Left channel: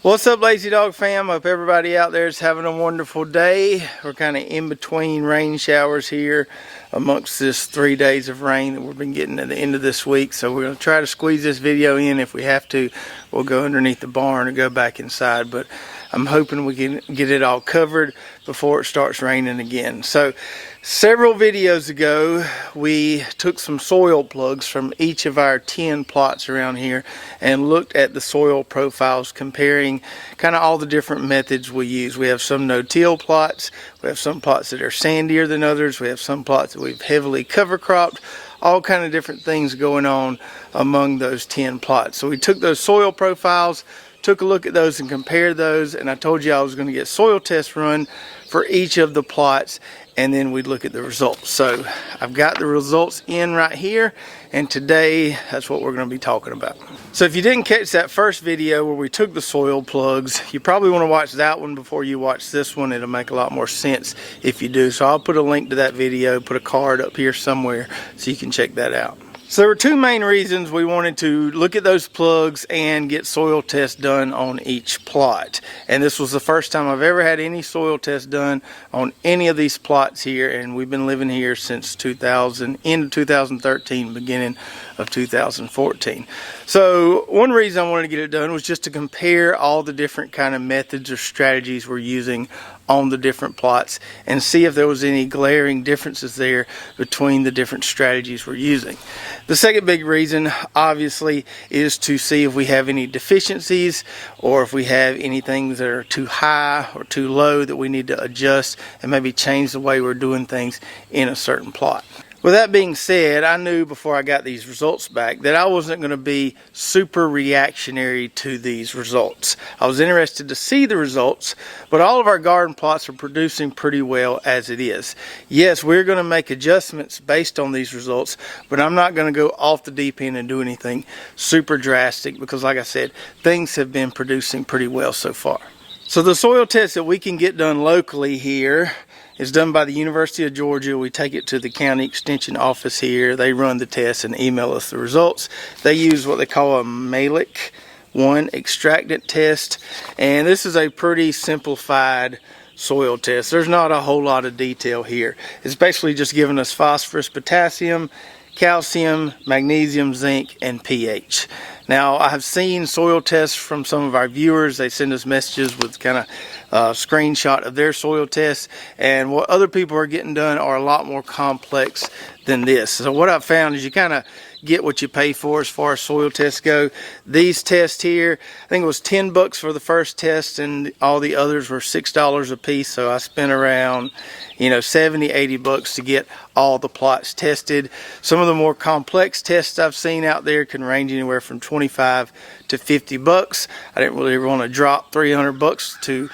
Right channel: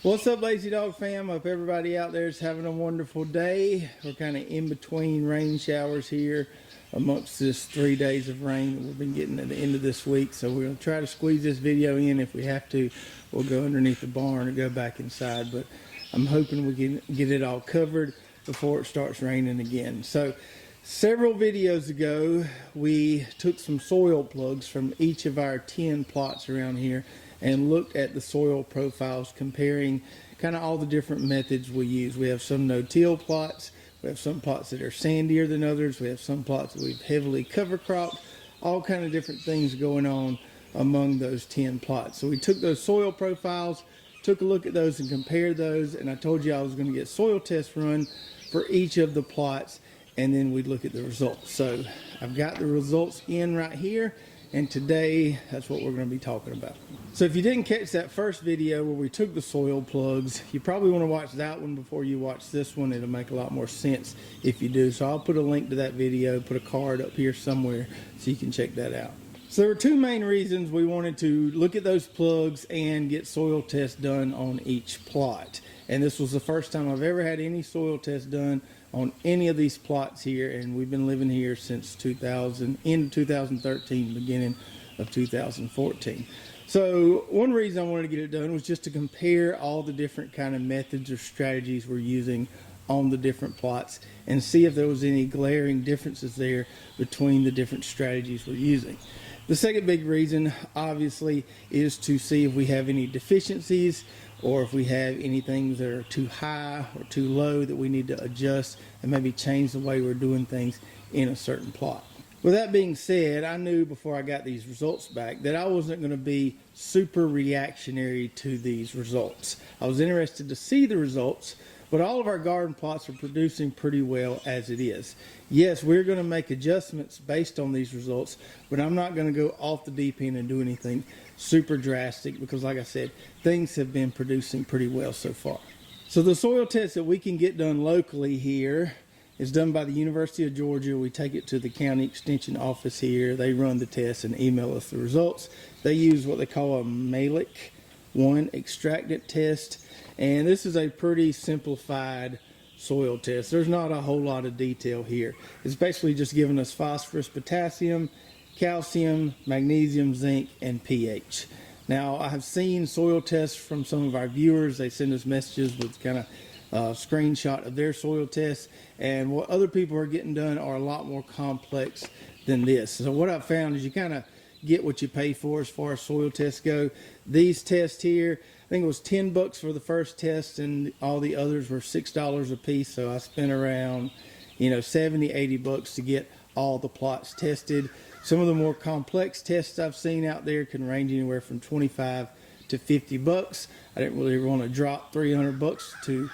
What's up, Lazy Dog fam? Hope everybody out there is having a wonderful day. We're kind of in between rain showers here amongst this 3 days of rain that we've been getting at the end of this week. So we're going to try to squeeze this video in. If we have to, we'll go underneath the barn or go back inside. But I'm hoping we can get it all covered before it starts raining again. So several videos ago, we took some soil plugs from each of our 10 plots around here and looked at the soil profiles, comparing kind of all the different methods we use. We have some no-till plots, we have some plots that are sandier than others, we have some plots that we've heavily cover cropped, all kind of different things going on among those 10 plots. So we took those soil profiles, took a look at those and compared those, and I told you I was going to get soil tests run for each of the plots, and then we'd look at the results. So I've got the results in right here, and today that's what we're going to be talking about. So if you didn't catch that first video where we took the soil plugs, you probably want to watch that one before you watch this one. It'll make a lot more sense if you do. So I'll put a link to that video, put a card up here somewhere so you can check that out. So there were two main reasons we wanted to look at those plugs and get soil tests done on each plot. And this was the first time I've ever had any soil tests done on any of these plots here, and we've been living here since end of 2013, beginning of 2014. So one reason I wanted to get it done was just to compare all the different kind of methods or strategies we're using on the different plots and see if there was any glaring differences there between the different strategies we're using. The second big reason, obviously, is to see if we have any deficiencies or if we have anything that are too high or too low that we need to adjust and maybe change the way we're doing things in a certain plot. With that being said, I knew before I got these results back that I wasn't going to be super reactionary to these results. I was interested to see the results, but all of our garden plots are producing pretty well as it is. Yes, we're going to make adjustments based on these results, but I'm not going to go off the deep end and do anything super drastic because, like I said, things have been producing pretty well so far. So the soil test that we can get done locally here is done by the University of Georgia. We take it to the county extension office here. They run the test and email us the results. They use what they call a Malick 1 extractant test, and this is a pretty simplified soil test. There's not a whole lot of detail here. It's basically just giving us phosphorus, potassium, calcium, magnesium, zinc, and pH. Now, I have seen soil tests from some of our viewers. They send us messages with kind of screenshot of their soil tests, and what other people are getting done are a lot more complex than this. So what I've found is you kind of get what you pay for as far as soil tests go. These tests here, I think it was $10 for the first test, and all the others were $6 a piece. So I spent around $70-80 to get all the plots tested. Some of the more complex tests I've seen out there can range anywhere from $25 to $50. I didn't really want to drop $300 to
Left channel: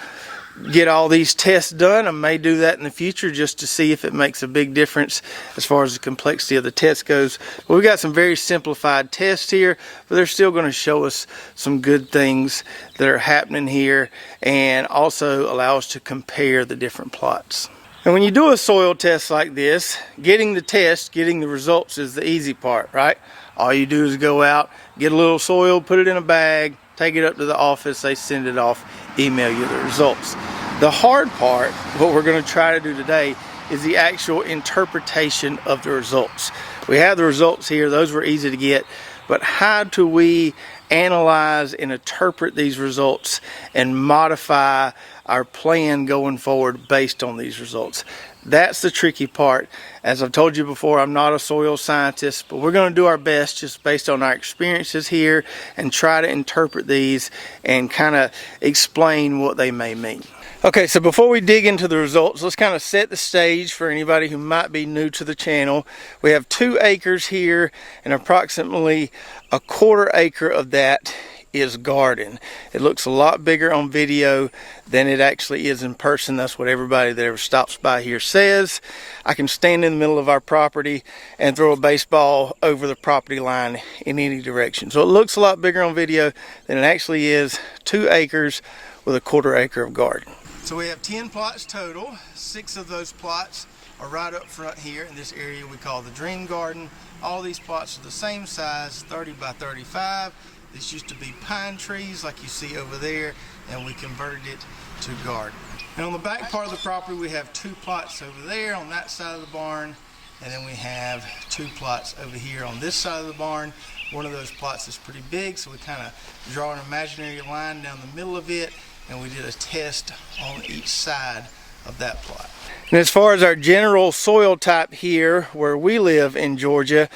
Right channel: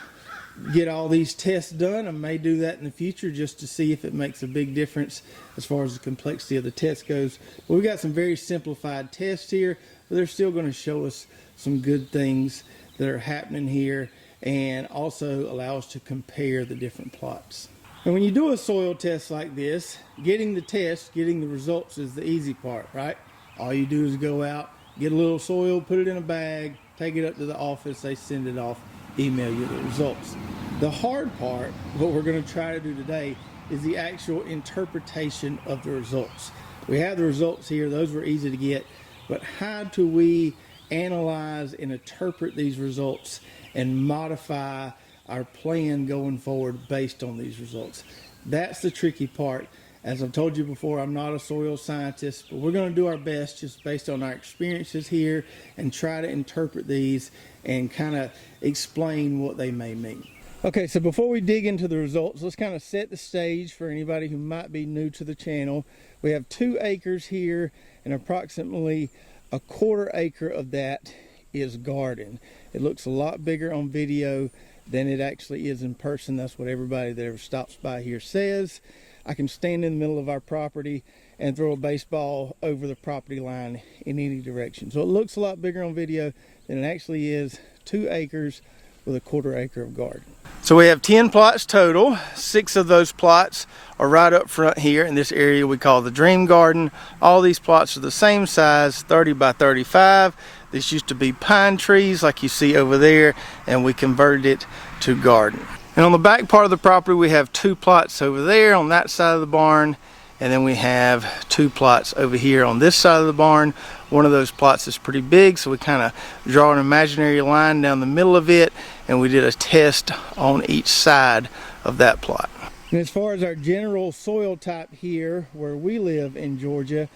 get all these tests done. I may do that in the future just to see if it makes a big difference as far as the complexity of the test goes. But we've got some very simplified tests here, but they're still going to show us some good things that are happening here and also allow us to compare the different plots. And when you do a soil test like this, getting the results is the easy part, right? All you do is go out, get a little soil, put it in a bag, take it up to the office, they send it off, email you the results. The hard part, what we're going to try to do today, is the actual interpretation of the results. We have the results here, those were easy to get, but how do we analyze and interpret these results and modify our plan going forward based on these results? That's the tricky part. As I've told you before, I'm not a soil scientist, but we're going to do our best just based on our experiences here and try to interpret these and kind of explain what they may mean. Okay, so before we dig into the results, let's kind of set the stage for anybody who might be new to the channel. We have 2 acres here, and approximately a 1/4 acre of that is garden. It looks a lot bigger on video than it actually is in person. That's what everybody that ever stops by here says. I can stand in the middle of our property and throw a baseball over the property line in any direction. So it looks a lot bigger on video than it actually is. 2 acres with a 1/4 acre of garden. So we have 10 plots total. 6 of those plots are right up front here in this area we call the Dream Garden. All these plots are the same size, 30 by 35. This used to be pine trees like you see over there, and we converted it to garden. And on the back part of the property we have 2 plots over there on that side of the barn, and then we have 2 plots over here on this side of the barn. One of those plots is pretty big, so we kind of draw an imaginary line down the middle of it, and we did a test on each side of that plot. And as far as our general soil type here where we live in Georgia,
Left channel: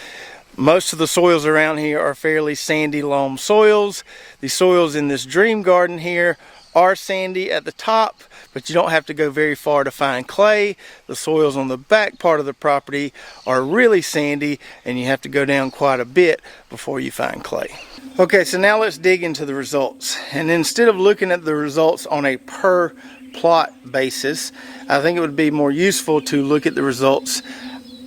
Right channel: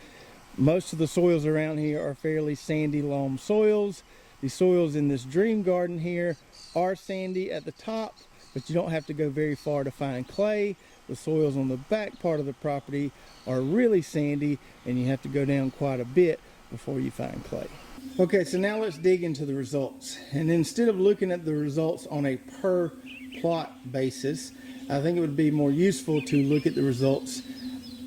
most of the soils around here are fairly sandy loam soils. The soils in this Dream Garden here are sandy at the top, but you don't have to go very far to find clay. The soils on the back part of the property are really sandy, and you have to go down quite a bit before you find clay. Okay, so now let's dig into the results. And instead of looking at the results on a per plot basis, I think it would be more useful to look at the results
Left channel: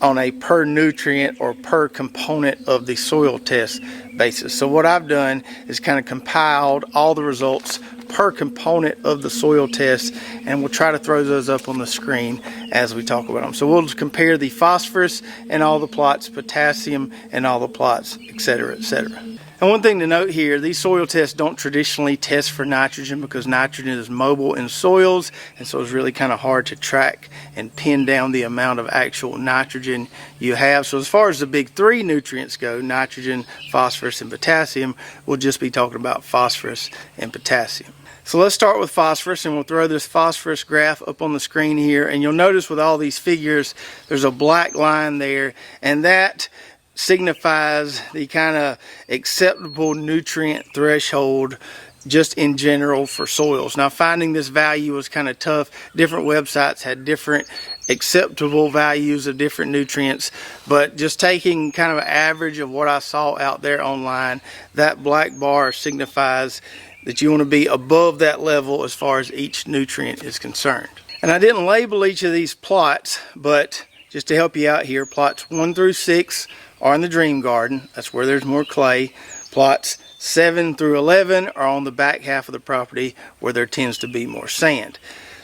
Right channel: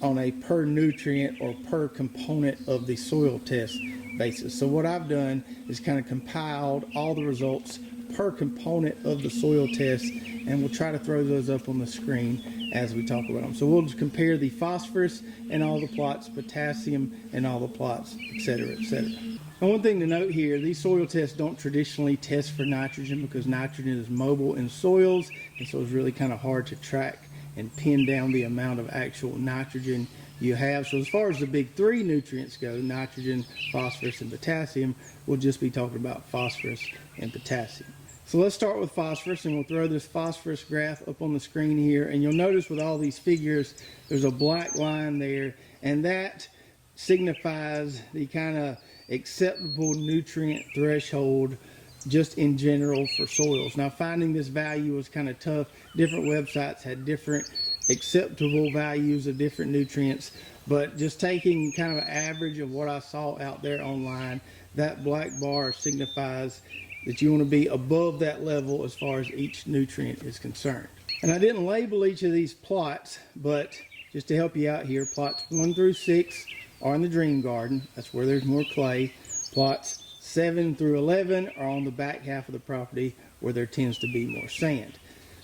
on a per nutrient or per component of the soil test basis. So what I've done is kind of compiled all the results per component of the soil test, and we'll try to throw those up on the screen as we talk about them. So we'll compare the phosphorus in all the plots, potassium in all the plots, etc., etc. And one thing to note here, these soil tests don't traditionally test for nitrogen because nitrogen is mobile in soils, and so it's really kind of hard to track and pin down the amount of actual nitrogen you have. So as far as the big 3 nutrients go, nitrogen, phosphorus, and potassium, we'll just be talking about phosphorus and potassium. So let's start with phosphorus, and we'll throw this phosphorus graph up on the screen here, and you'll notice with all these figures there's a black line there, and that signifies the kind of acceptable nutrient threshold just in general for soils. Now finding this value was kind of tough. Different websites had different acceptable values of different nutrients, but just taking kind of an average of what I saw out there online, that black bar signifies that you want to be above that level as far as each nutrient is concerned. And I didn't label each of these plots, but just to help you out here, plots 1 through 6 are in the Dream Garden. That's where there's more clay. Plots 7 through 11 are on the back half of the property where there tends to be more sand.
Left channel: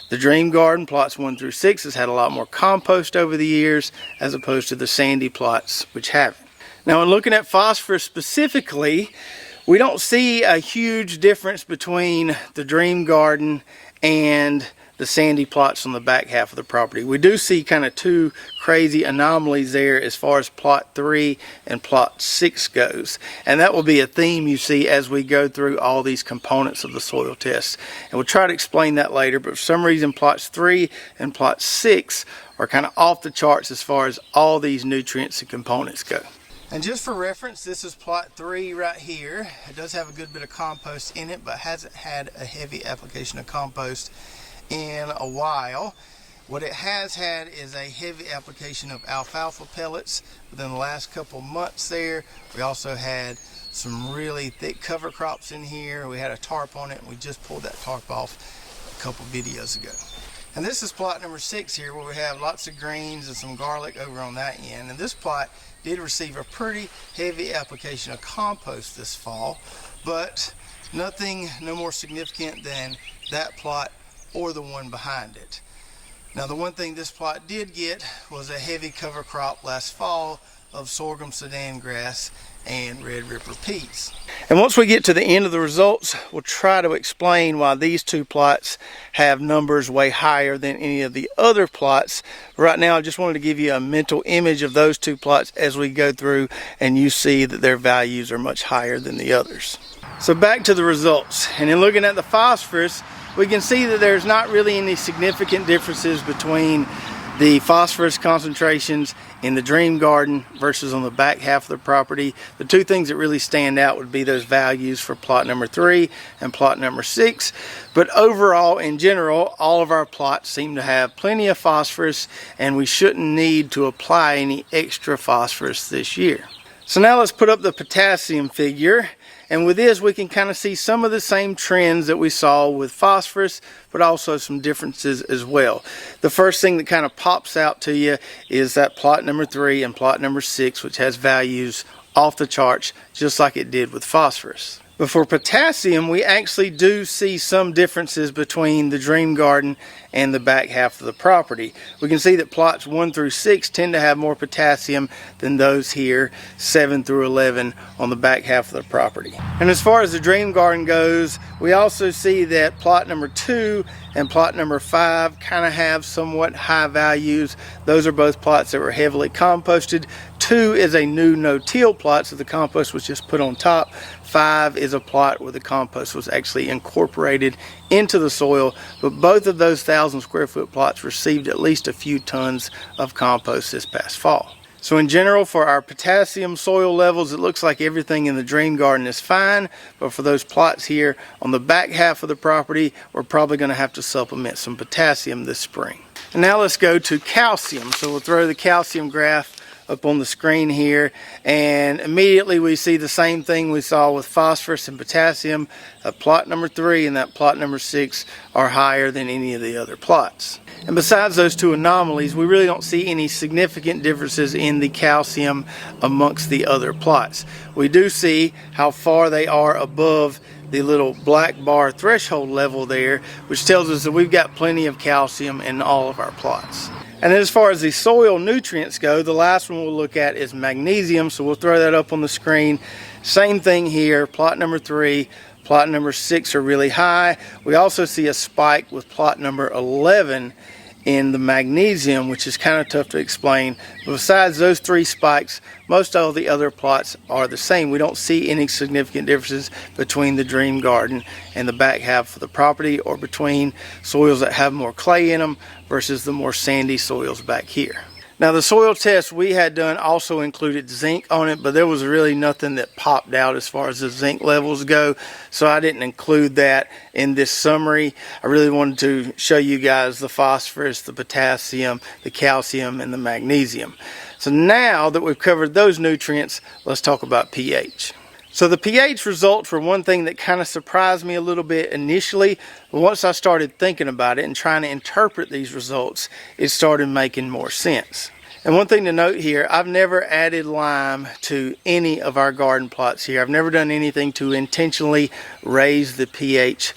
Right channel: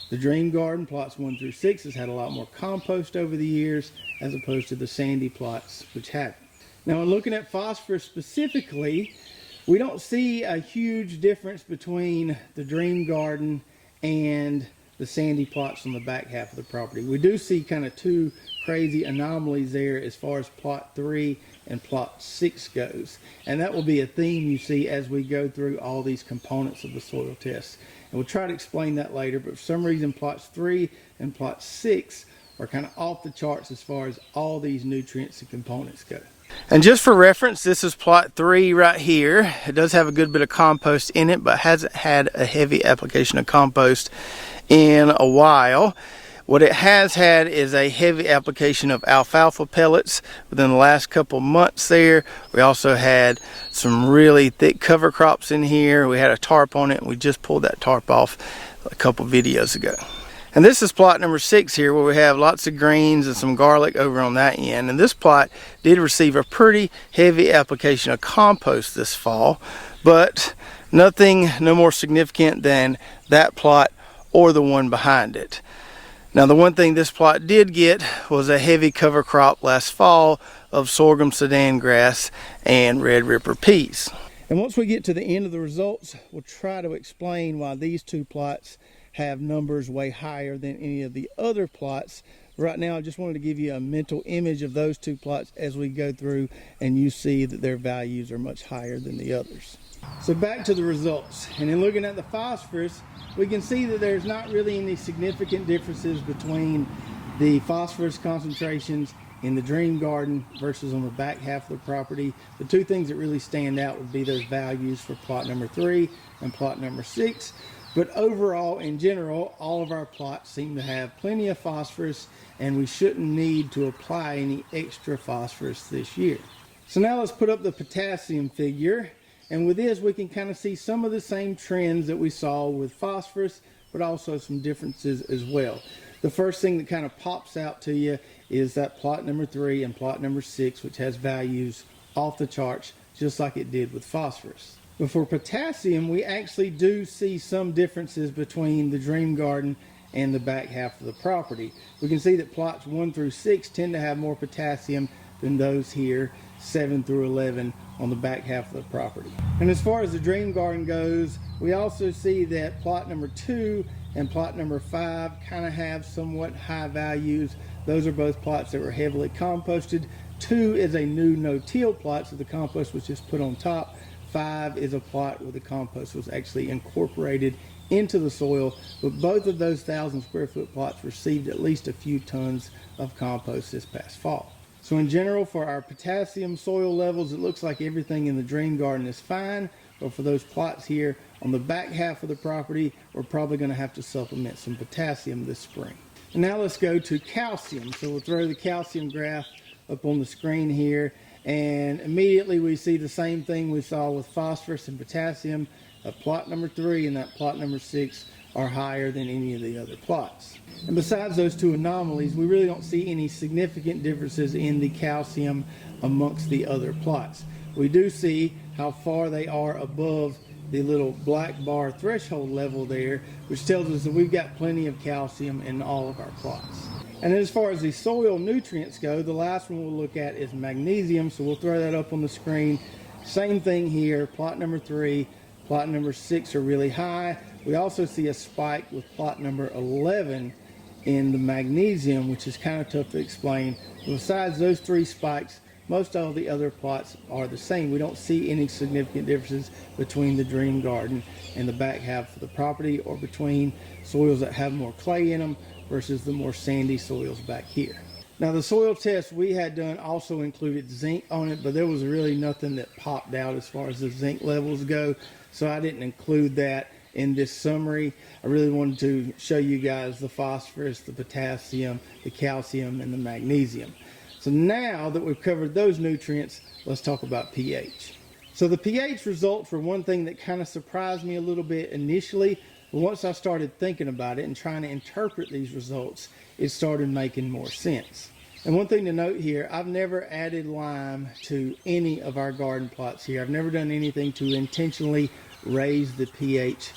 The Dream Garden, plots 1 through 6, has had a lot more compost over the years as opposed to the sandy plots which haven't. Now in looking at phosphorus specifically, we don't see a huge difference between the Dream Garden and the sandy plots on the back half of the property. We do see kind of 2 crazy anomalies there as far as plot 3 and plot 6 goes. And that will be a theme you see as we go through all these components of the soil test. And we'll try to explain that later, but for some reason plots 3 and plot 6 are kind of off the charts as far as all these nutrients and components go. And just for reference, this is plot 3 right here. It does have a good bit of compost in it, but hasn't had a heavy application of compost in a while. What it has had is a heavy application of alfalfa pellets within the last couple months there. We also had some really thick cover crops in here. We had a tarp on it, and we just pulled that tarp off a couple videos ago. And this is plot number 6 here, where we have lots of greens and some garlic over on that end. And this plot did receive a pretty heavy application of compost this fall, but nothing no more significant than that plot or the one behind it. Now the one thing this plot did get was a heavy cover crop last fall of sorghum sudan grass and red ripper peas. And once we get to the end of the results, we'll try to explain why these 2 plots have numbers way higher than any of the other plots. Right now I just wanted to give you a mental image of those 2 plots as we go through and you see that their values are much higher than the others. So back to the results, and in looking at the phosphorus, we can see that there's not really any significant differences between the phosphorus concentrations in the Dream Garden versus on the back half of the property. The 2 things that really stand out would be those values for plot number 3 and plot number 6. But overall, in general, all of our plots seem to have plenty of phosphorus, and we shouldn't need to apply any extra phosphorus this year. So now let's put up the potassium figure. And with this, we can kind of see some of the same trends that we saw with phosphorus, but also some differences as well. The first thing that kind of pops out to you is that plot number 3 and plot number 6, which has values off the charts, just like it did with phosphorus. But for potassium, we actually do see some differences between the dream garden and the back half of the property. We can see that plots 1 through 6 tend to have more potassium than those here 7 through 11 on the back half of the property. And as far as the dream garden goes, we also see that plot number 2 and plot number 5 kind of have somewhat high values. Those are both plots that were heavily composted. 2 is a new no-till plot, so the compost was just put on top. 5 is a plot where the compost was actually incorporated into the soil, but both of those 1,000 square foot plots received at least a few tons of compost this past fall. So in general, for our potassium soil levels, it looks like everything in the dream garden is fine, but for those plots here on the back half of the property, we're probably going to have to supplement some potassium this spring. And now let's go to calcium. So we'll throw the calcium graph up on the screen here, and immediately we see the same thing we saw with phosphorus and potassium. Plot number 3 and that plot number 6 are higher than any of the other plots. And besides those two anomalies, we really don't see any significant differences in the calcium amongst the other plots. We do see how far they are above the little black bar threshold level there, which tells us that we've got plenty of calcium in all of our plots. And then as far as the soil nutrients go, the last one we'll look at is magnesium, so we'll throw that up on the screen. Same thing here, plot number 3, plot number 6 are really high. We also see a spike with plot number 11 in the magnesium, which is kind of tough to explain. But besides those 3 spikes, most all the other plots are the same. We don't see any significant differences between the dream garden and the back half of the property, or between soils that have more clay in them versus the more sandy soils back here. Now the soil test we had done also included zinc on it, but there was really nothing that popped out as far as the zinc levels go, so I didn't include that in this summary. I really wanted to show you guys the phosphorus, the potassium, the calcium, and the magnesium. So now that we've covered those nutrients, let's talk about pH. So the pH results were one thing that kind of surprised me a little bit initially, but once I started thinking about it and trying to interpret these results, it started making more sense. And one thing to note here, I've never added lime to any of our garden plots here. I've never done anything to intentionally raise the pH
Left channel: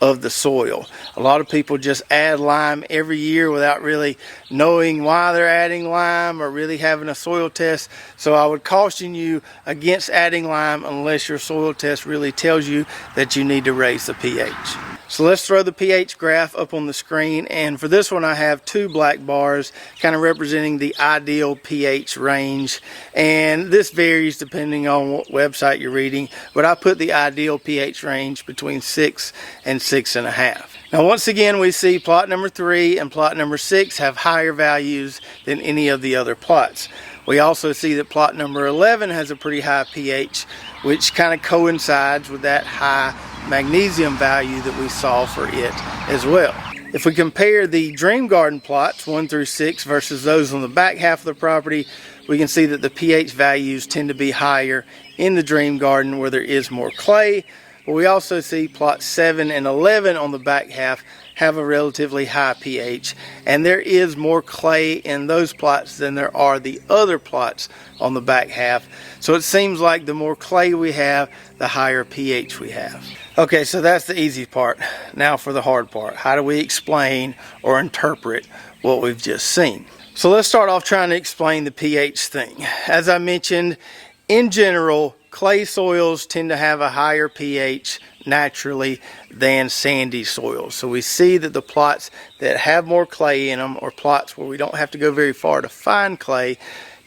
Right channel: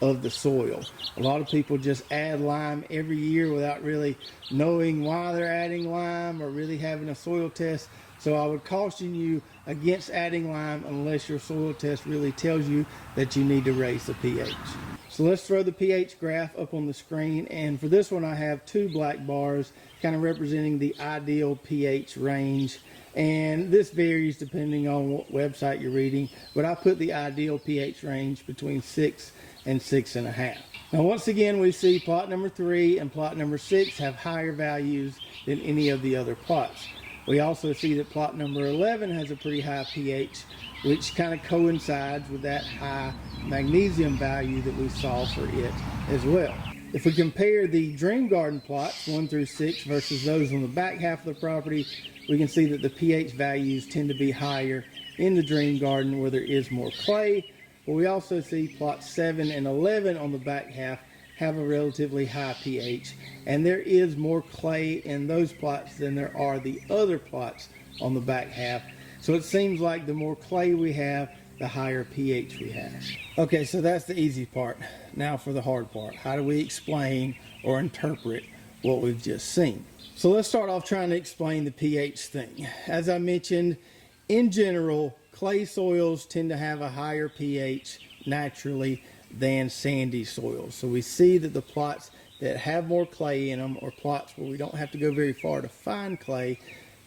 of the soil. A lot of people just add lime every year without really knowing why they're adding lime or really having a soil test. So I would caution you against adding lime unless your soil test really tells you that you need to raise the pH. So let's throw the pH graph up on the screen, and for this one I have 2 black bars kind of representing the ideal pH range, and this varies depending on what website you're reading, but I put the ideal pH range between 6 and 6.5. Now once again we see plot number 3 and plot number 6 have higher values than any of the other plots. We also see that plot number 11 has a pretty high pH, which kind of coincides with that high magnesium value that we saw for it as well. If we compare the dream garden plots 1 through 6 versus those on the back half of the property, we can see that the pH values tend to be higher in the dream garden where there is more clay, but we also see plots 7 and 11 on the back half have a relatively high pH, and there is more clay in those plots than there are the other plots on the back half. So it seems like the more clay we have, the higher pH we have. Okay, so that's the easy part. Now for the hard part. How do we explain or interpret what we've just seen? So let's start off trying to explain the pH thing. As I mentioned, in general, clay soils tend to have a higher pH naturally than sandy soils. So we see that the plots that have more clay in them, or plots where we don't have to go very far to find clay,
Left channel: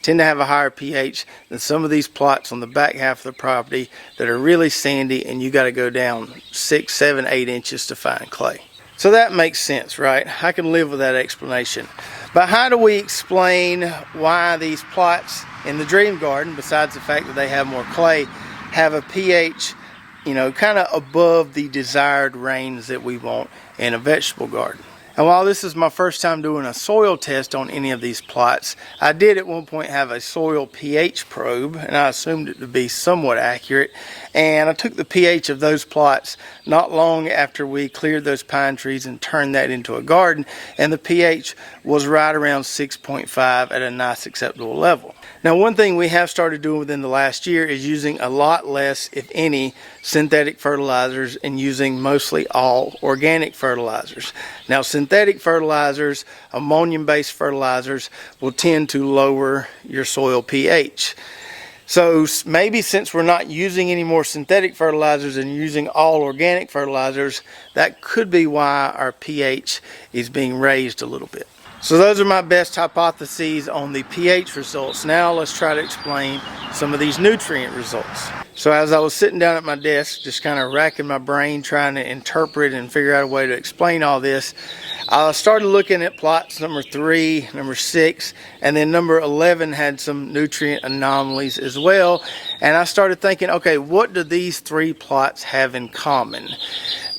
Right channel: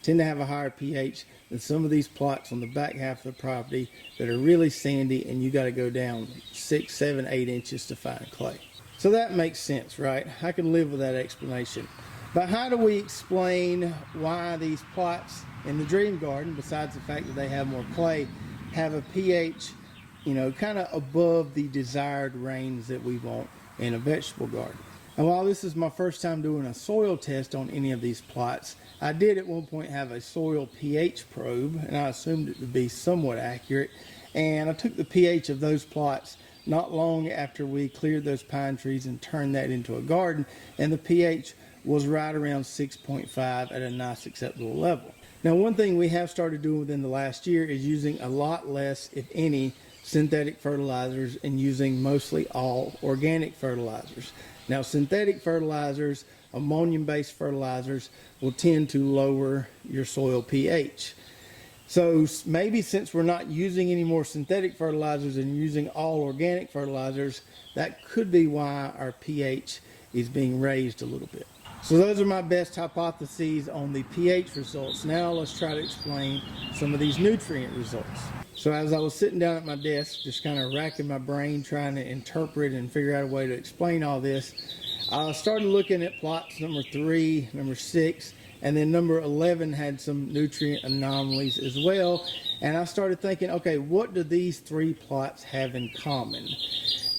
tend to have a higher pH than some of these plots on the back half of the property that are really sandy and you got to go down 6, 7, 8 inches to find clay. So that makes sense, right? I can live with that explanation. But how do we explain why these plots in the dream garden, besides the fact that they have more clay, have a pH, kind of above the desired range that we want in a vegetable garden? And while this is my first time doing a soil test on any of these plots, I did at one point have a soil pH probe, and I assumed it to be somewhat accurate. And I took the pH of those plots not long after we cleared those pine trees and turned that into a garden, and the pH was right around 6.5 at a nice acceptable level. Now, one thing we have started doing within the last year is using a lot less, if any, synthetic fertilizers and using mostly all organic fertilizers. Now, synthetic fertilizers, ammonium-based fertilizers, will tend to lower your soil pH. So maybe since we're not using any more synthetic fertilizers and using all organic fertilizers, that could be why our pH is being raised a little bit. So those are my best hypotheses on the pH results. Now let's try to explain some of these nutrient results. So as I was sitting down at my desk, just kind of racking my brain, trying to interpret and figure out a way to explain all this, I started looking at plots number 3, number 6, and then number 11 had some nutrient anomalies as well. And I started thinking, okay, what do these 3 plots have in common?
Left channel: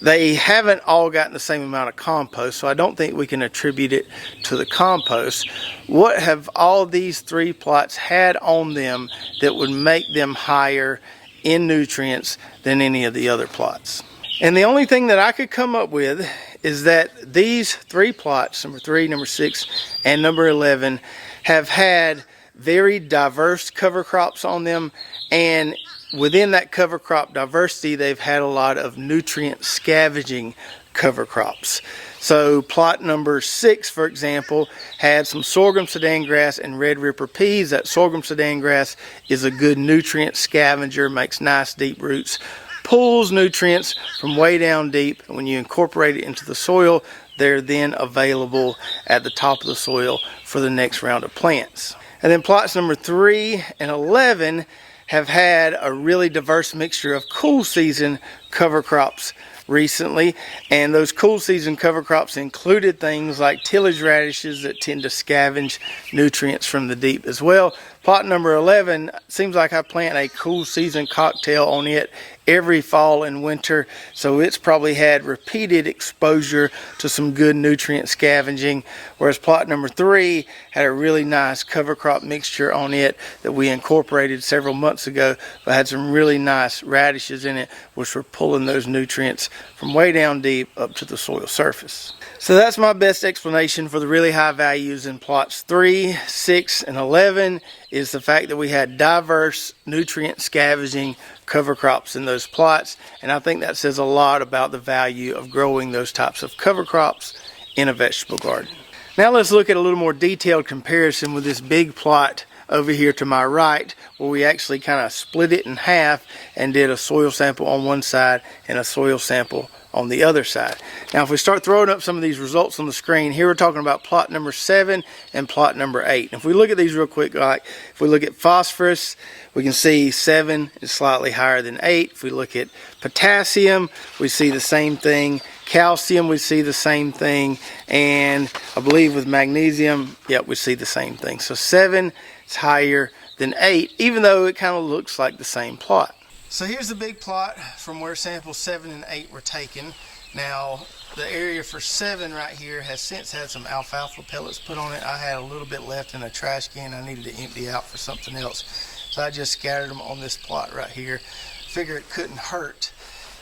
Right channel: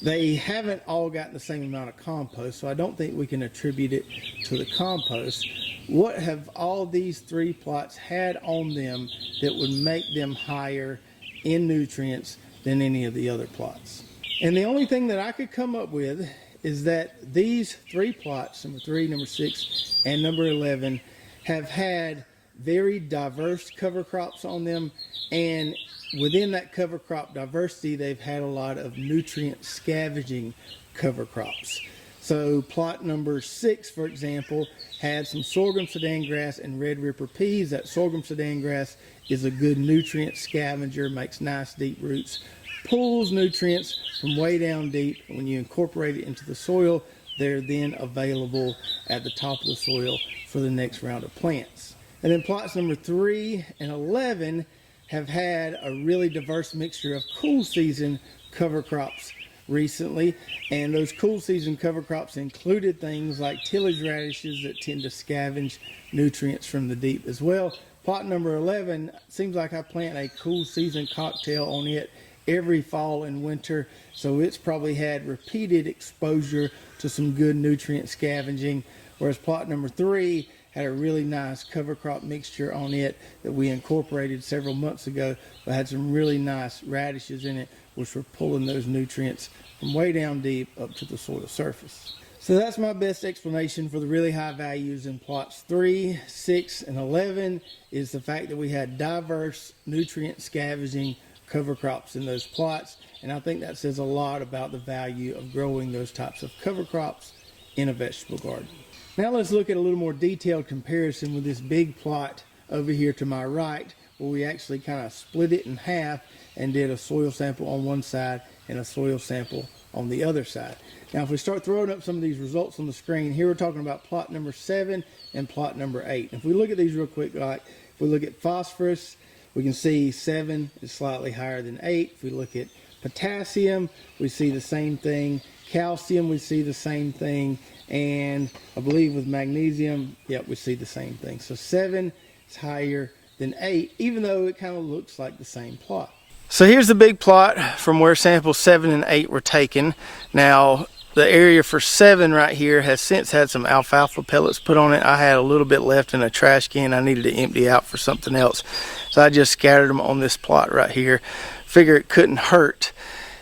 They haven't all gotten the same amount of compost, so I don't think we can attribute it to the compost. What have all these 3 plots had on them that would make them higher in nutrients than any of the other plots? And the only thing that I could come up with is that these 3 plots, number 3, number 6, and number 11, have had very diverse cover crops on them, and within that cover crop diversity, they've had a lot of nutrient scavenging cover crops. So plot number 6, for example, had some sorghum sudan grass and red ripper peas. That sorghum sudan grass is a good nutrient scavenger, makes nice deep roots, pulls nutrients from way down deep. When you incorporate it into the soil, they're then available at the top of the soil for the next round of plants. And then plots number 3 and 11 have had a really diverse mixture of cool season cover crops recently, and those cool season cover crops included things like tillage radishes that tend to scavenge nutrients from the deep as well. Plot number 11 seems like I plant a cool season cocktail on it every fall and winter, so it's probably had repeated exposure to some good nutrient scavenging, whereas plot number 3 had a really nice cover crop mixture on it that we incorporated several months ago, but had some really nice radishes in it, which were pulling those nutrients from way down deep up to the soil surface. So that's my best explanation for the really high values in plots 3, 6, and 11, is the fact that we had diverse nutrient scavenging cover crops in those plots, and I think that says a lot about the value of growing those types of cover crops in a vegetable garden. Now let's look at a little more detailed comparison with this big plot over here to my right, where we actually kind of split it in half and did a soil sample on one side and a soil sample on the other side. Now if we start throwing up some of these results on the screen, here we're talking about plot number 7 and plot number 8. And if we look at these real quick, like if we look at phosphorus, we can see 7 is slightly higher than 8. If we look at potassium, we see the same thing. Calcium, we see the same thing. And I believe with magnesium, yep, we see the same thing. So 7 is higher than 8, even though it kind of looks like the same plot. So here's the big plot from where samples 7 and 8 were taken. Now, the area for 7 right here has since had some alfalfa pellets put on it. I had a little bit left in a trash can I needed to empty out for something else. So I just scattered them on this plot right here. Figure it couldn't hurt.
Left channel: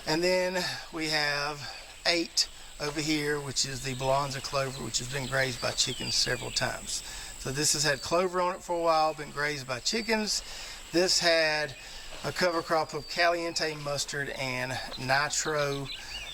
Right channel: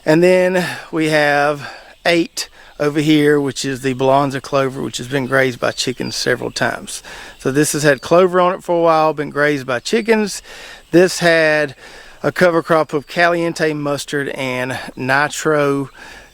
And then we have 8 over here, which is the Balanza clover, which has been grazed by chickens several times. So this has had clover on it for a while, been grazed by chickens. This had a cover crop of caliente mustard and nitro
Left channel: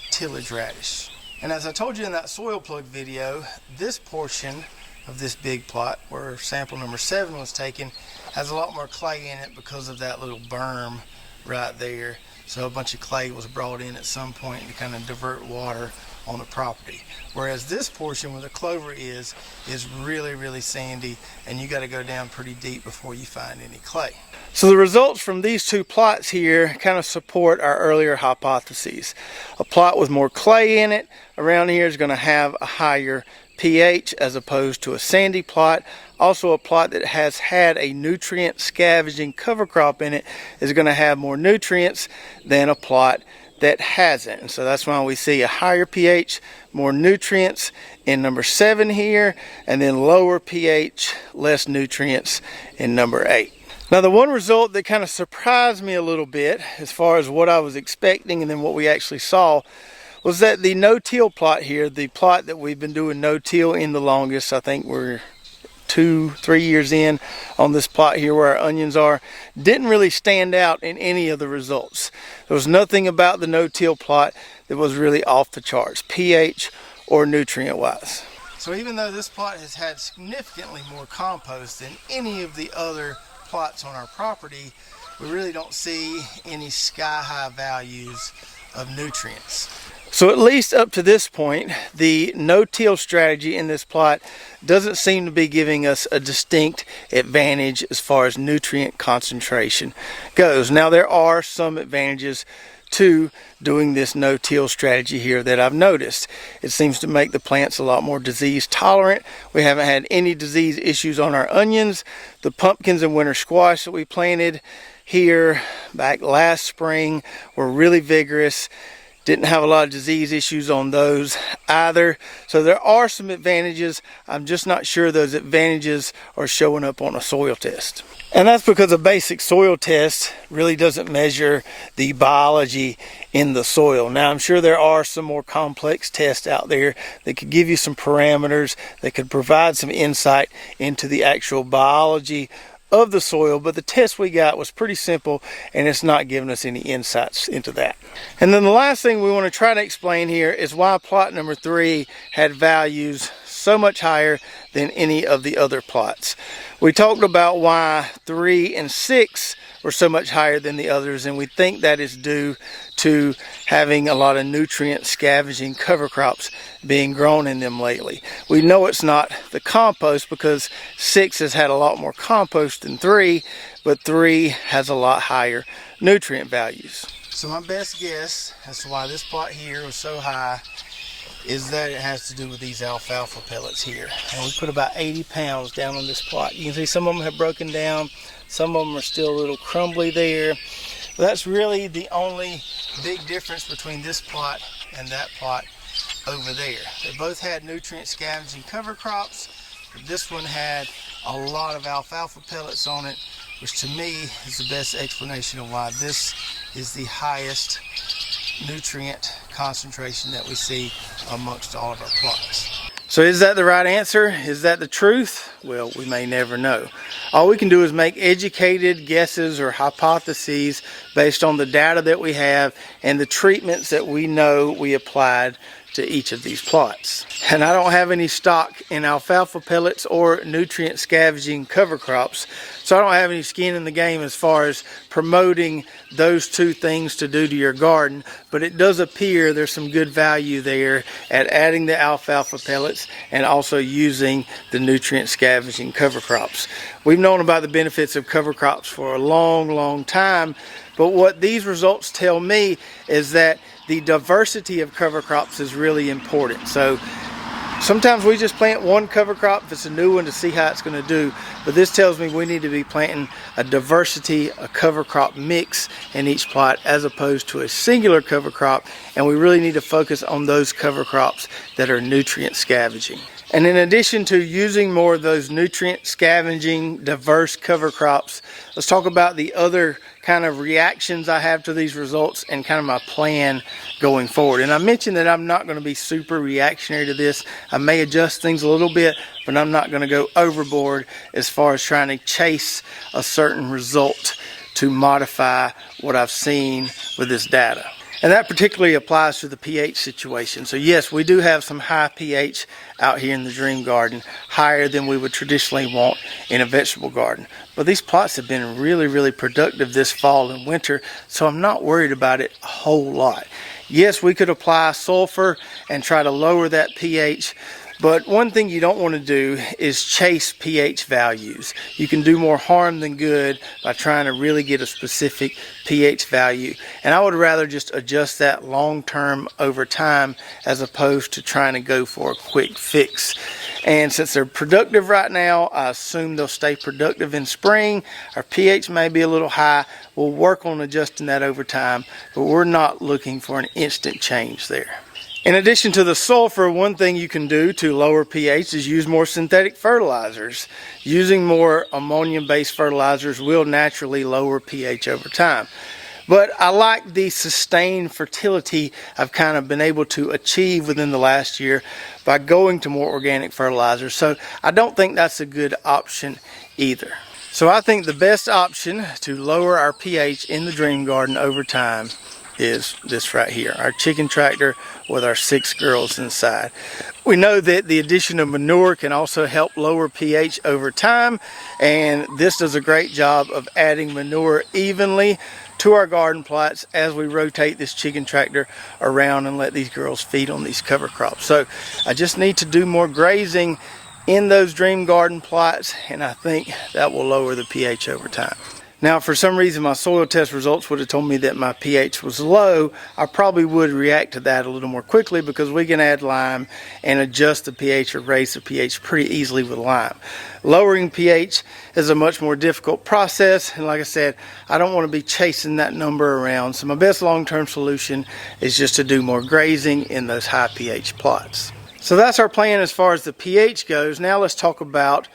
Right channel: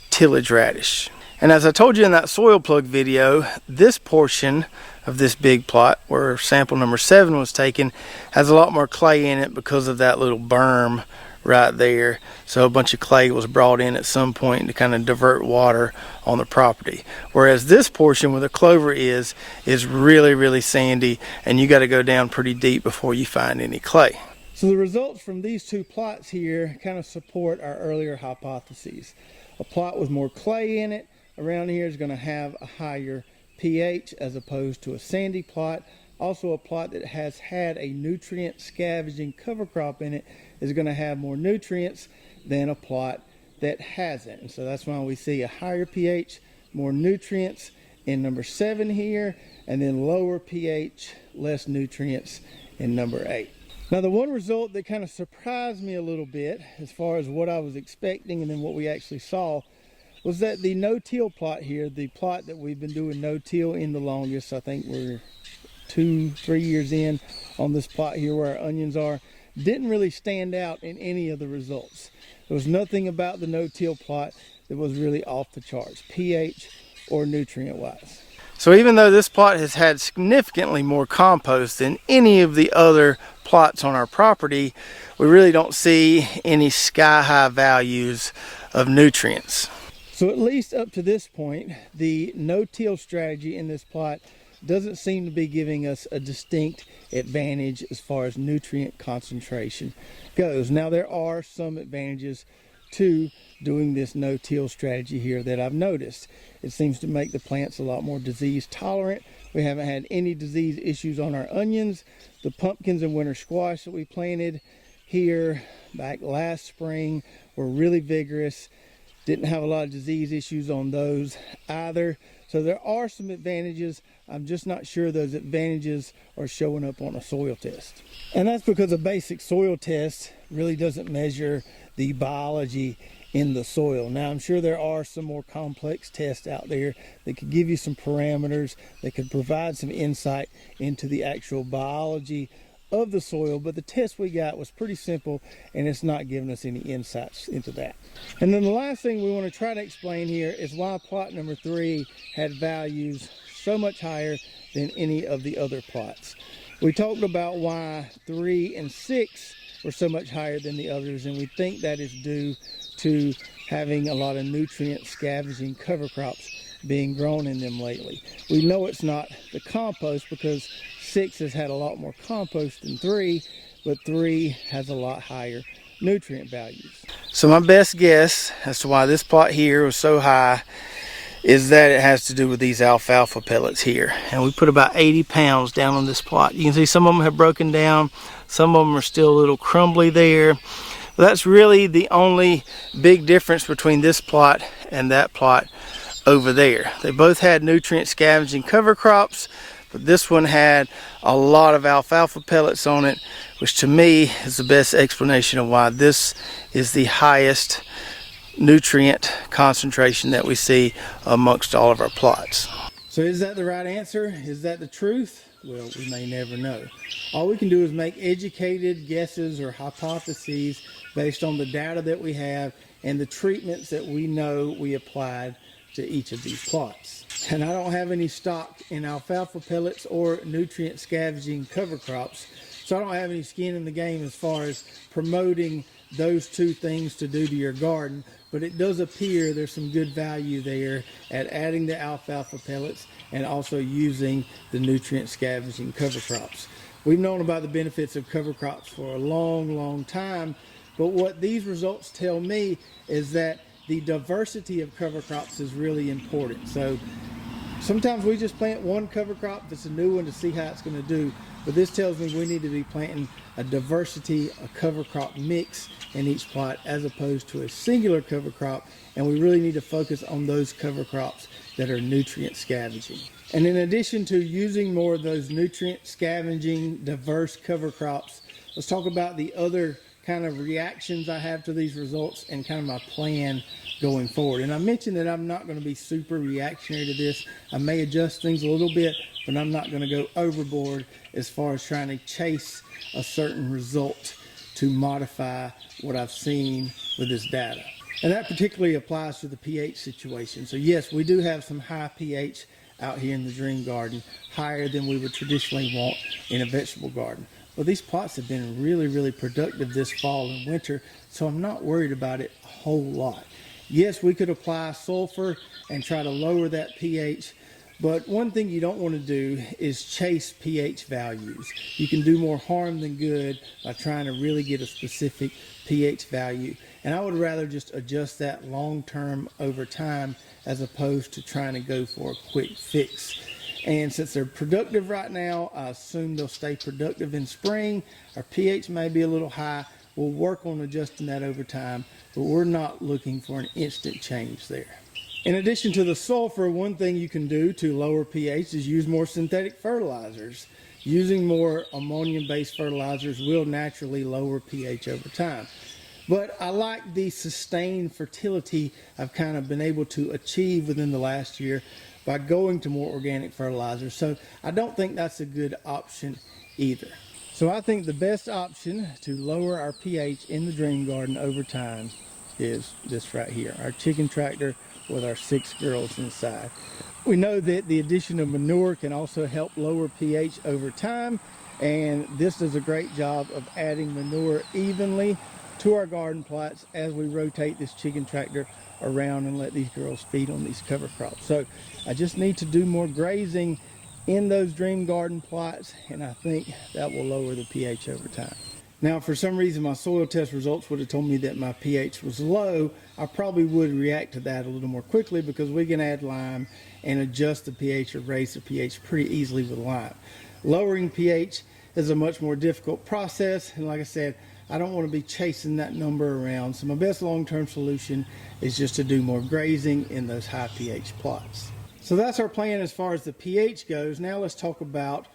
tillage radish. And as I told you in that soil plug video, this portion of this big plot where sample number 7 was taken has a lot more clay in it because of that little berm right there. So a bunch of clay was brought in at some point to kind of divert water on the property. Whereas this portion where the clover is really, really sandy, and you got to go down pretty deep before you find any clay. So the results from these 2 plots here kind of support our earlier hypotheses. A plot with more clay in it around here is going to have a higher pH as opposed to a sandy plot. Also, a plot that has had a nutrient scavenging cover crop in it is going to have more nutrients than a plot that hasn't. And so that's why we see a higher pH, more nutrients in number 7 here, and then lower pH, less nutrients in number 8. Now, the one result that kind of surprised me a little bit as far as what I was expecting and then what we actually saw was that the no-till plot here, the plot that we've been doing no-till in the longest, I think we're 2-3 years in on this plot here where our onions are, didn't really stand out in any of the results. There was nothing about the no-till plot that was really off the charts, pH or nutrient wise. So even though this plot has had significantly more compost than any of the other plots on our property, we really don't see any sky-high values of nutrients. So at least up to this point, the no-till strategy in this plot doesn't seem to be giving us a distinct advantage as far as nutrient concentration goes. Now, there are some advantages to doing this no-till strategy here that I've noticed. It seems to make the plants a lot more disease tolerant. We haven't had any disease issues on our onions. The pumpkins and winter squash that we planted here back last spring were really vigorous. Didn't have a lot of disease issues on those either. So there are some advantages. I'm just not sure those advantages are showing up on a soil test. And that's because a basic soil test really doesn't measure the biology in the soil. Now, I'm sure there are some more complex tests out there that could give you some parameters, that could provide some insight into the actual biology of the soil, but the test we got was pretty simple and it's not giving us any insights into that. And then the last thing we want to try to explain here is why plot number 3 had values so much higher than any of the other plots. We talked about why 3 and 6 were so much higher than the others, and we think that is due to having a lot of nutrient scavenging cover crops being grown in them lately. We know it's not the compost because 6 has had a lot more compost than 3, but 3 has a lot higher nutrient values. So my best guess as to why this plot here was so high is that it has to do with these alfalfa pellets here. And we put about 80 pounds down on this plot. You can see some of them have broken down, some of them are still a little crumbly there. But that's really the only big difference between this plot and that plot over there. They both had nutrient scavenging cover crops, but this one had a lot of alfalfa pellets on it, which to me is the best explanation of why this is the highest nutrient concentration that we see amongst all of our plots. So is that the right answer? Is that the truth? Well, we may never know. All we can do is make educated guesses or hypotheses based on the data that we have and the treatments that we know we applied to each of these plots. And I don't have any stock in alfalfa pellets or nutrient scavenging cover crops, so I don't have any skin in the game as far as promoting those two things to do to your garden, but it does appear there's some good value there at adding the alfalfa pellets and also using the nutrient scavenging cover crops. We've known about the benefits of cover crops for a long time, but what these results tell me is that the diversity of cover crops is really important. So sometimes we just plant one cover crop if it's a new one to see how it's going to do, but this tells me we need to be planting a diversity, a cover crop mix in each plot as opposed to a singular cover crop, and we really need to focus on those cover crops that are nutrient scavenging. And in addition to using more of those nutrient scavenging diverse cover crops, let's talk about the other kind of reactions I have to these results and kind of my plan going forward. And I mentioned that I'm not going to be super reactionary to this. I may adjust things a little bit, but I'm not going to go overboard as far as trying to chase a certain result to modify what I've seen with this data. And that particularly applies to the pH situation. So yes, we do have some high pH out here in the Dream Garden, higher than we would traditionally want in a vegetable garden. But these plots have been really productive this fall and winter, so I'm not worried about it a whole lot. Yes, we could apply sulfur and try to lower that pH, but one thing you don't want to do is chase pH values. You can do more harm than good by trying to really get a specific pH value. And I would rather just adjust that long term over time as opposed to trying to go for a quick fix. And since they're productive right now, I assume they'll stay productive in spring. Our pH may be a little high. We'll work on adjusting that over time, but we're not looking for an instant change there. In addition to the sulfur, one thing you can do to lower pH is use more synthetic fertilizers. Using more ammonium-based fertilizers will naturally lower pH over time. But I like the sustained fertility I've kind of been able to achieve within the last year by going to more organic fertilizers. So I don't think that's a good option either. So I think the best option to lower our pH in the dream garden over time is this right here, our chicken tractor with our 6 girls inside. We know that the addition of manure can also help lower pH over time, and this does a great job of adding manure evenly to our garden plots as we rotate this chicken tractor around and let these girls feed on these cover crops. So I just need to do more grazing in those dream garden plots, and I think that will lower the pH over time. Now, for some reason, my soil test results would have told me that my pH was low. I probably would react to that a little more quickly because we can add lime and adjust the pH or raise the pH pretty easily with lime. Lowering pH is a much more difficult process, and like I said, I don't want to be chasing that number around. So my best long-term solution is just to do more grazing in those high pH plots. So that's our plan as far as the pH goes. Now let's talk about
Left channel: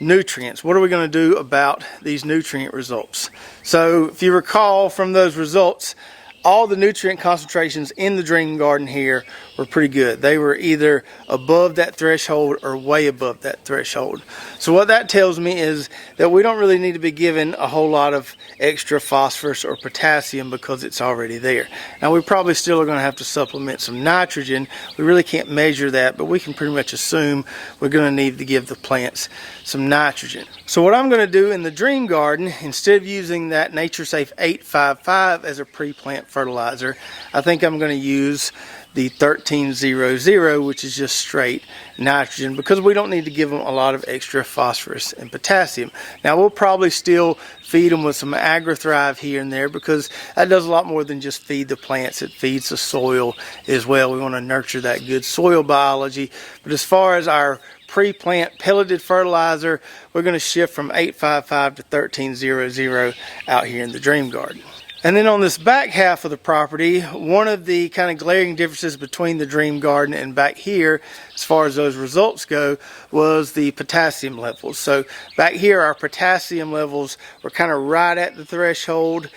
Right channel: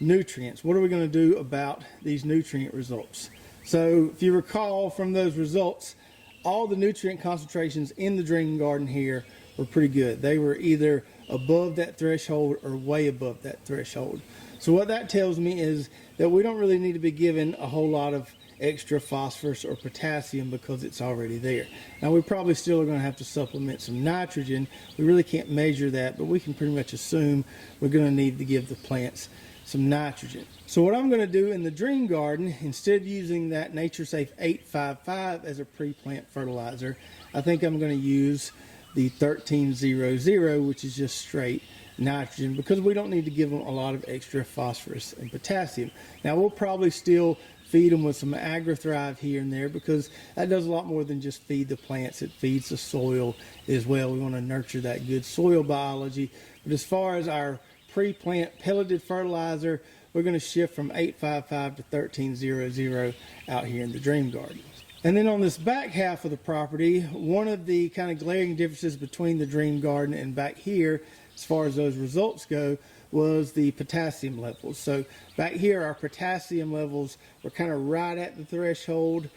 nutrients. What are we going to do about these nutrient results? So if you recall from those results, all the nutrient concentrations in the dream garden here were pretty good. They were either above that threshold or way above that threshold. So what that tells me is that we don't really need to be given a whole lot of extra phosphorus or potassium because it's already there. Now we probably still are going to have to supplement some nitrogen. We really can't measure that, but we can pretty much assume we're going to need to give the plants some nitrogen. So what I'm going to do in the dream garden, instead of using that NatureSafe 855 as a pre-plant fertilizer, I think I'm going to use the 1300, which is just straight nitrogen, because we don't need to give them a lot of extra phosphorus and potassium. Now we'll probably still feed them with some AgriThrive here and there because that does a lot more than just feed the plants. It feeds the soil as well. We want to nurture that good soil biology. But as far as our pre-plant pelleted fertilizer, we're going to shift from 855 to 1300 out here in the dream garden. And then on this back half of the property, one of the kind of glaring differences between the dream garden and back here, as far as those results go, was the potassium levels. So back here, our potassium levels were kind of right at the threshold,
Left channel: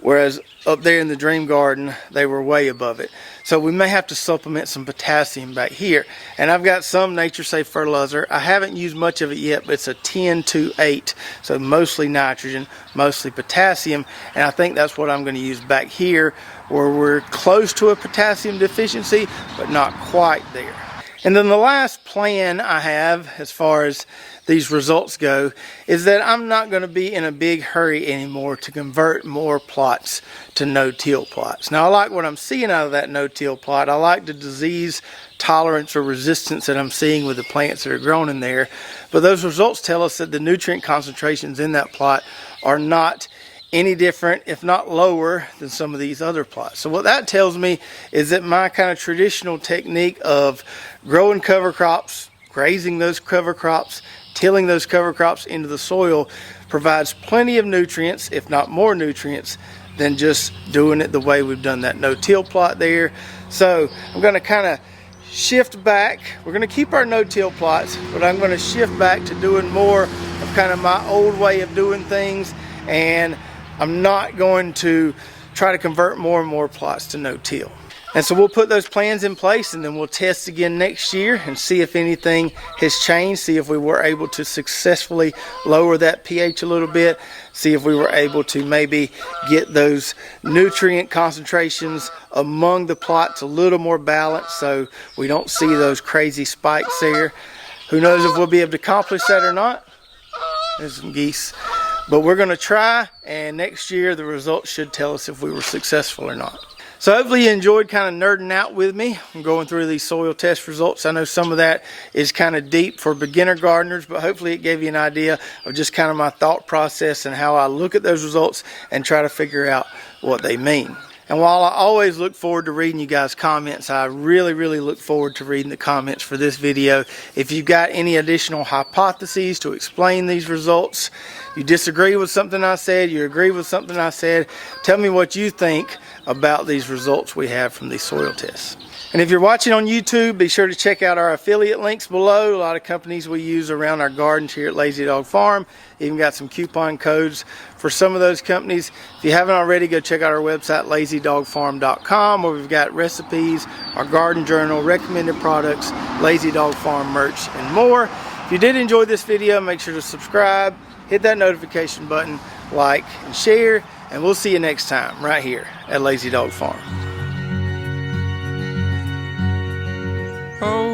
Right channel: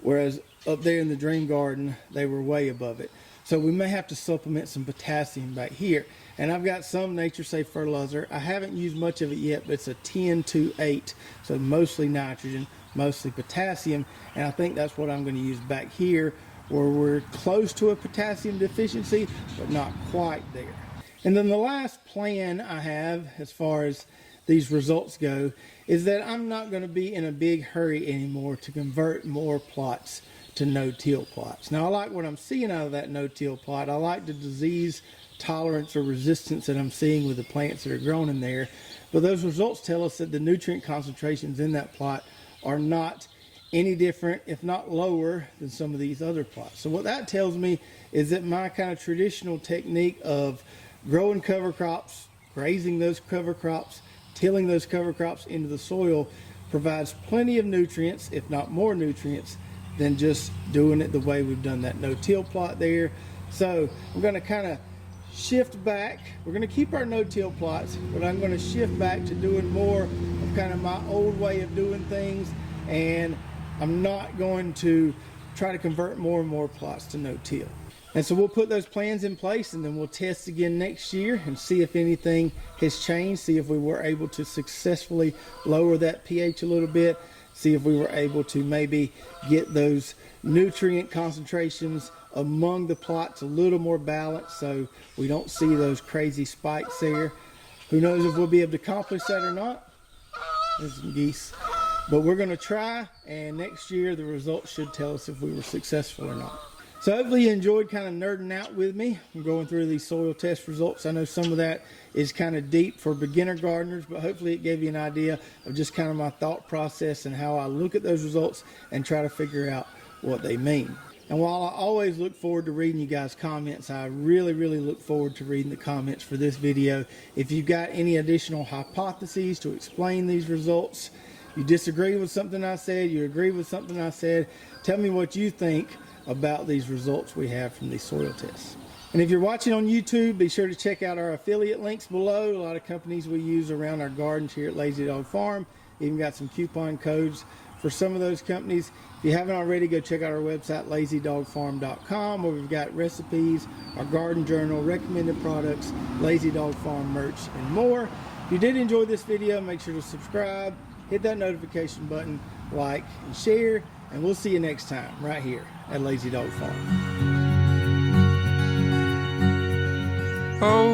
whereas up there in the dream garden, they were way above it. So we may have to supplement some potassium back here. And I've got some NatureSafe fertilizer. I haven't used much of it yet, but it's a 10-to-8. So mostly nitrogen, mostly potassium. And I think that's what I'm going to use back here, where we're close to a potassium deficiency, but not quite there. And then the last plan I have as far as these results go is that I'm not going to be in a big hurry anymore to convert more plots to no-till plots. Now I like what I'm seeing out of that no-till plot. I like the disease tolerance or resistance that I'm seeing with the plants that are grown in there. But those results tell us that the nutrient concentrations in that plot are not any different, if not lower, than some of these other plots. So what that tells me is that my kind of traditional technique of growing cover crops, grazing those cover crops, tilling those cover crops into the soil provides plenty of nutrients, if not more nutrients, than just doing it the way we've done that no-till plot there. So I'm going to kind of shift back. We're going to keep our no-till plots, but I'm going to shift back to doing more of kind of my old way of doing things, and I'm not going to try to convert more and more plots to no-till. And so we'll put those plans in place, and then we'll test again next year and see if anything has changed, see if we were able to successfully lower that pH a little bit, see if we were able to maybe get those nutrient concentrations among the plots a little more balanced so we don't see those crazy spikes there. Who knows if we'll be able to accomplish that or not. There's some geese. But we're going to try, and next year the results should tell us if we were successful or not. So hopefully you enjoyed kind of nerding out with me. I'm going through these soil test results. I know some of that is kind of deep for beginner gardeners, but hopefully it gave you an idea of just kind of my thought process and how I look at those results and try to figure out what they mean. And while I always look forward to reading you guys' comments, I really look forward to reading the comments for this video. If you've got any additional hypotheses to explain these results, you disagree with something I said, you agree with something I said, tell me what you think about these results we have from these soil tests. And if you're watching on YouTube, be sure to check out our affiliate links below. A lot of companies we use around our gardens here at Lazy Dog Farm. Even got some coupon codes for some of those companies. If you haven't already, go check out our website, lazydogfarm.com, where we've got recipes, our garden journal, recommended products, Lazy Dog Farm merch, and more. If you did enjoy this video, make sure to subscribe, hit that notification button, like, and share, and we'll see you next time right here at Lazy Dog Farm. Oh,